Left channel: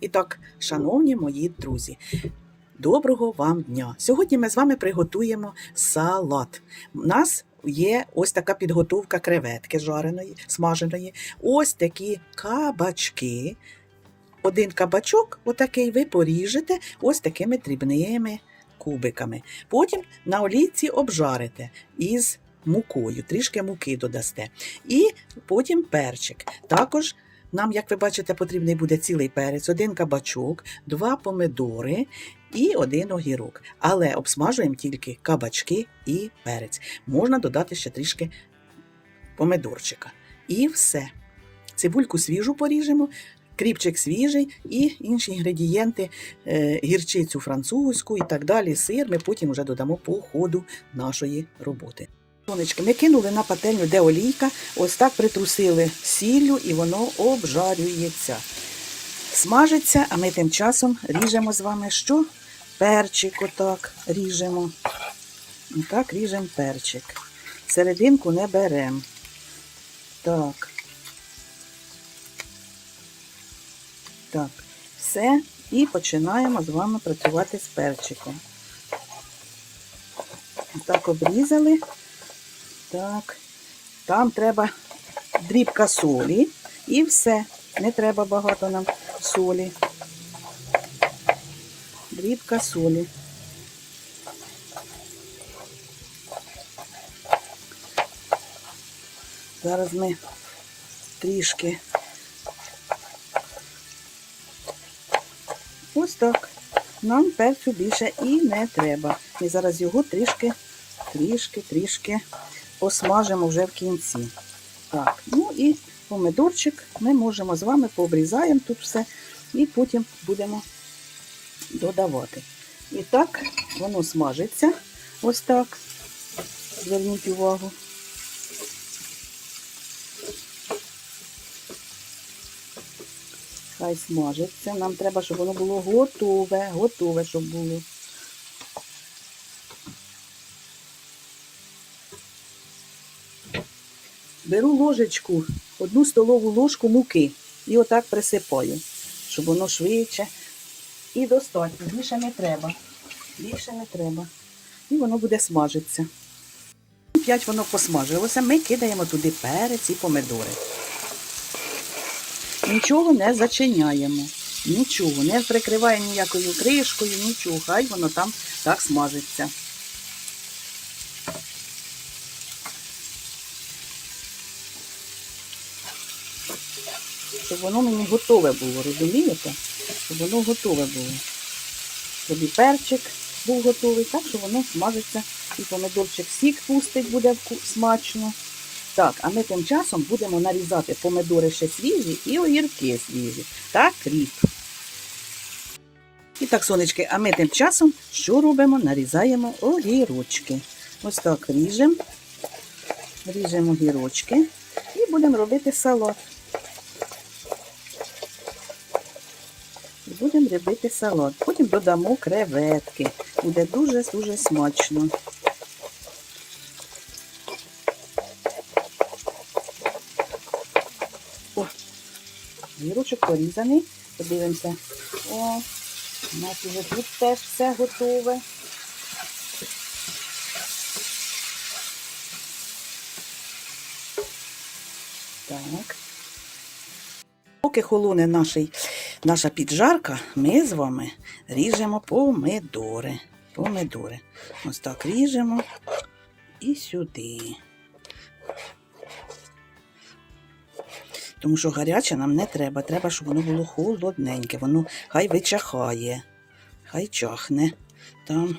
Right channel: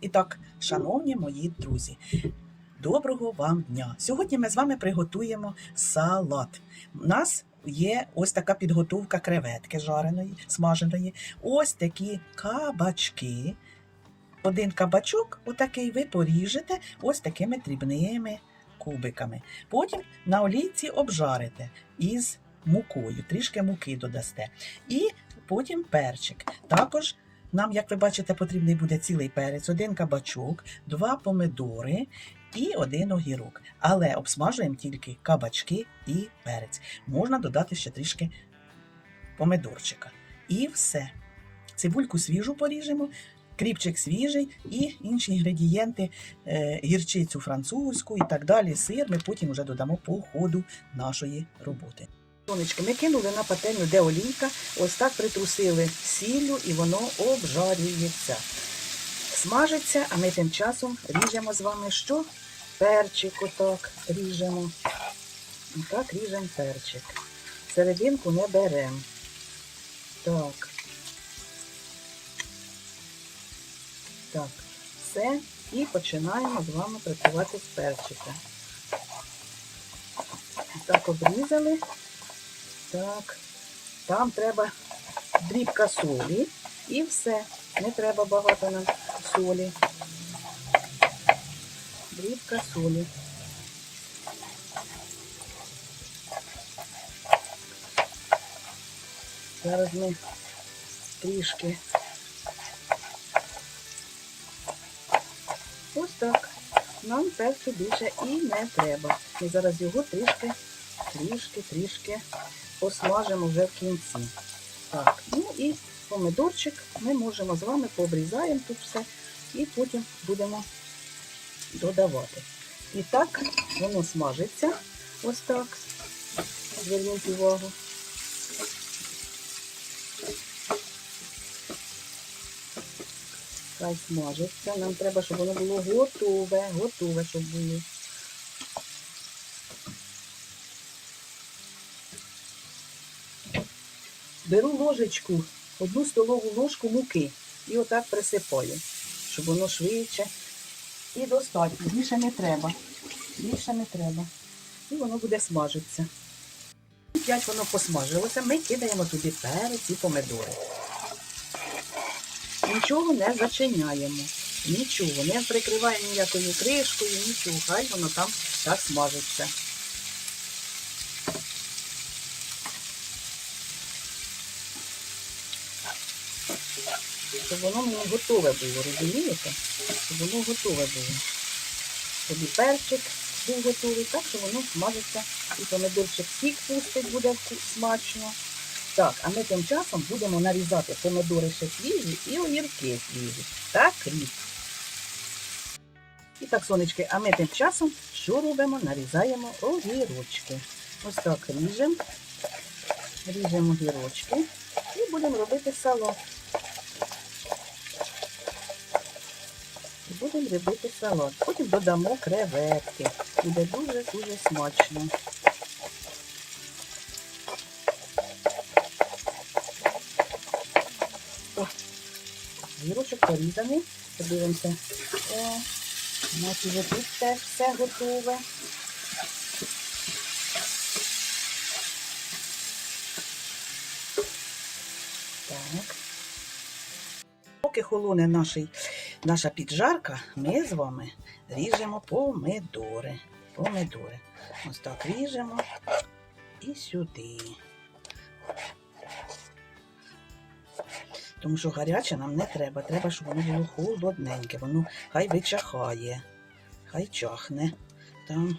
І так, шановні мої друзі, доброго вам дня! Сьогодні ми з вами приготуємо салат. У нас є ось така підготовка креветки жареної, смаженої, ось такі кабачки. Один кабачок, отакий, ви поріжете ось такими дрібними кубиками. Потім на олійці обжарите із мукою, трішки муки додасте. І потім перчик. Також нам, як ви бачите, потрібний буде цілий перець, один кабачок, два помидори і один огірок. Але обсмажуємо тільки кабачки і перець. Можна додати ще трішки помидорчика. І все. Цибульку свіжу поріжемо, кріпчик свіжий і інші інгредієнти, е, гірчицю французьку і так далі, сир. Ми потім вже додамо по ходу нашої роботи. Сонечки, ми кинули на пательню, де олійка, ось так притрусили сіллю і воно обжарюється. Смажиться, а ми тим часом ріжемо з вами що? Перчик отак ріжемо. Отак ріжемо перчик. Серединку не беремо. Так. Так, все. І починаємо з вами працювати з перчиком. Так обрізали. Так, там треба дрібка солі і все. Не треба багато нам солі. Дрібка солі. Зараз ми трішки. Ось так. Нам перцю більше і не треба. І зараз його трішки, трішки, трішки посмажимо вже в кінці. Так, ну і помидорчик ми можемо з вами пообрізаємо тут все і потім будемо додавати. І так, воно смажиться ось так. Зверніть увагу. Хай смажиться. Нам треба, щоб воно було готове, готове, щоб було. Беру ложечку, одну столову ложку муки і отак присипаю, щоб воно швидше. І достатньо. Більше не треба. Більше не треба. І воно буде смажитися. П'ять воно посмажилося, ми кидаємо туди перець і помидори. Нічого не зачиняємо. Нічого, не прикриваємо ніякою кришкою, нічого. Хай воно там так смажиться. Щоб воно мені готове було, розумієте? Щоб воно готове було. Щоб і перчик був готовий, так, що воно смажиться. І помидорчик сік пустить, буде смачно. Так, а ми тим часом будемо нарізати помидори ще свіжі і огірки свіжі. Так, кріп. І так, сонечки, а ми тим часом що робимо? Нарізаємо огірочки. Ось так ріжемо. Ріжемо огірочки і будемо робити салат. І будемо робити салат. Потім додамо креветки. Буде дуже-дуже смачно. О, Гірочок порізаний. Подивимося. О, у нас вже тут теж все готове. Так. Поки холоне наший, наша піджарка, ми з вами ріжемо помидори. Помидори. Ось так ріжемо і сюди. Тому що гаряче нам не треба. Треба, щоб воно було холодненьке. Воно хай вичахає, хай чахне. Там.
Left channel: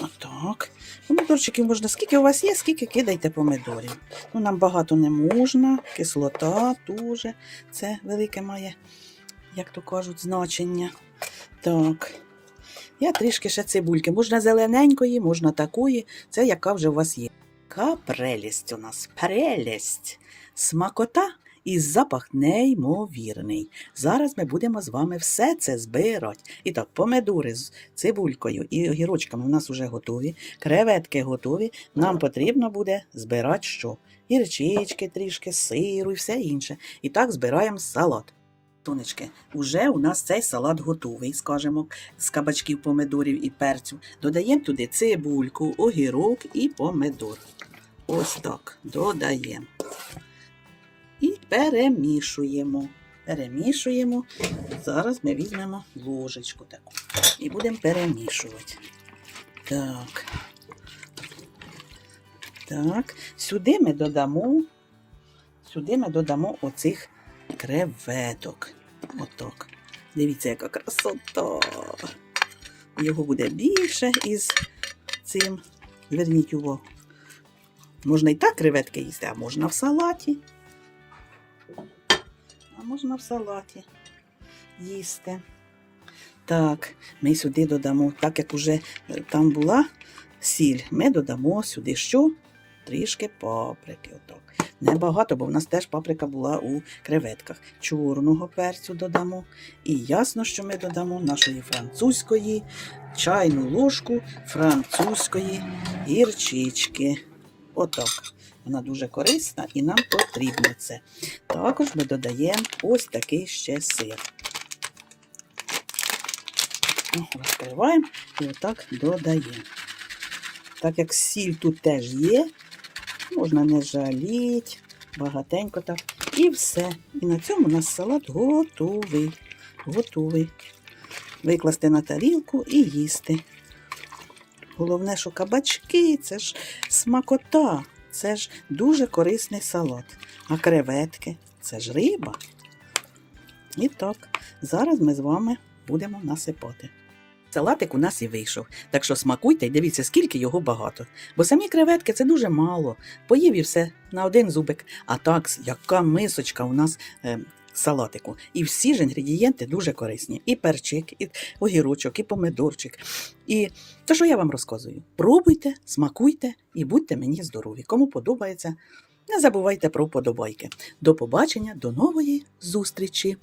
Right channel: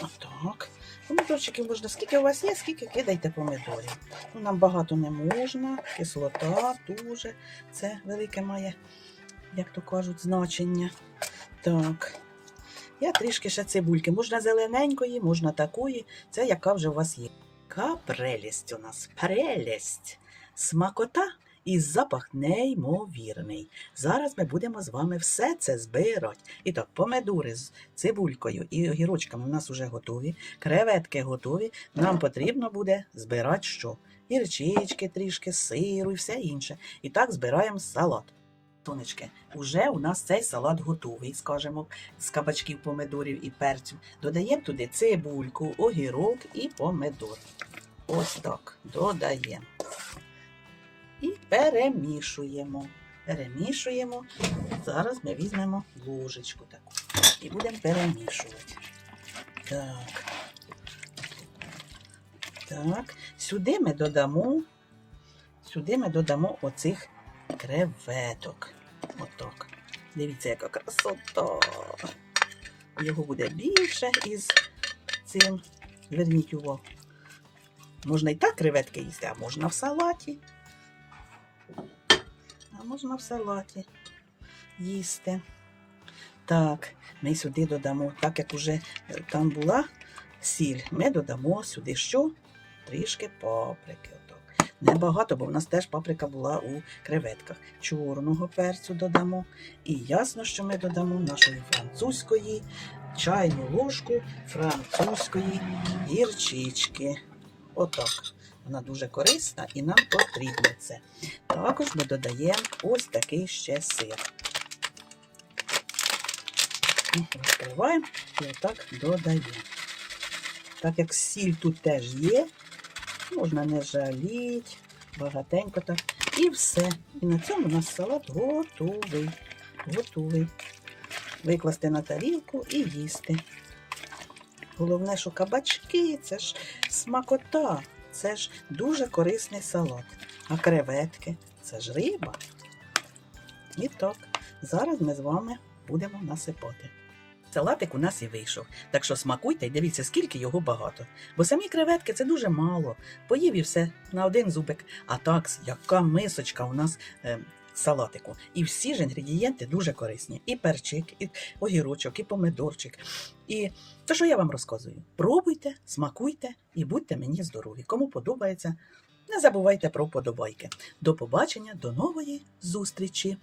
Отак. Помидорчиків можна, скільки у вас є, скільки кидайте помидорів. Ну, нам багато не можна, кислота дуже. Це велике має, як то кажуть, значення. Так. Я трішки ще цибульки. Можна зелененької, можна такої. Це яка вже у вас є. Яка прелість у нас. Прелість. Смакота і запах неймовірний. Зараз ми будемо з вами все це збирати. І так, помидори з цибулькою і огірочками у нас вже готові. Креветки готові. Нам потрібно буде збирати що? Гірчички трішки, сиру і все інше. І так збираємо салат. Тонечки, уже у нас цей салат готовий, скажімо, з кабачків, помидорів і перцю. Додаємо туди цибульку, огірок і помидор. Ось так. Додаємо. Перемішуємо. Перемішуємо. Зараз ми візьмемо ложечку таку і будемо перемішувати. Так. Так. Сюди ми додамо. Сюди ми додамо оцих креветок. Отак. Дивіться, яка красота. Його буде більше із цим. Зверніть увагу. Можна і так креветки їсти, а можна в салаті. Можна в салаті їсти. Так, ми сюди додамо, так як уже е, там була сіль, ми додамо сюди що? Трішки паприки. Отак. Небагато, бо в нас теж паприка була у креветках. Чорного перцю додамо. І ясно, що ми додамо нашої французької чайну ложку французької гірчички. Отак. Вона дуже корисна і нам потрібно це. Також ми додаємо ось такий ще сир. Розкриваємо і отак додаємо. Так як сіль тут теж є, можна не жаліти, багатенько так. І все. І на цьому у нас салат готовий. Готовий. Викласти на тарілку і їсти. Головне, що кабачки це ж смакота, це ж дуже корисний салат. А креветки це ж риба. І так, зараз ми з вами будемо насипати. Салатик у нас і вийшов. Так що смакуйте і дивіться, скільки його багато. Бо самі креветки це дуже мало. Поїв і все на один зубик. А так, яка мисочка у нас е, салатику. І всі ж інгредієнти дуже корисні. І перчик, і огірочок, і помидорчик. І те, що я вам розказую. Пробуйте, смакуйте і будьте мені здорові. Кому подобається, не забувайте про вподобайки. До побачення, до нової зустрічі!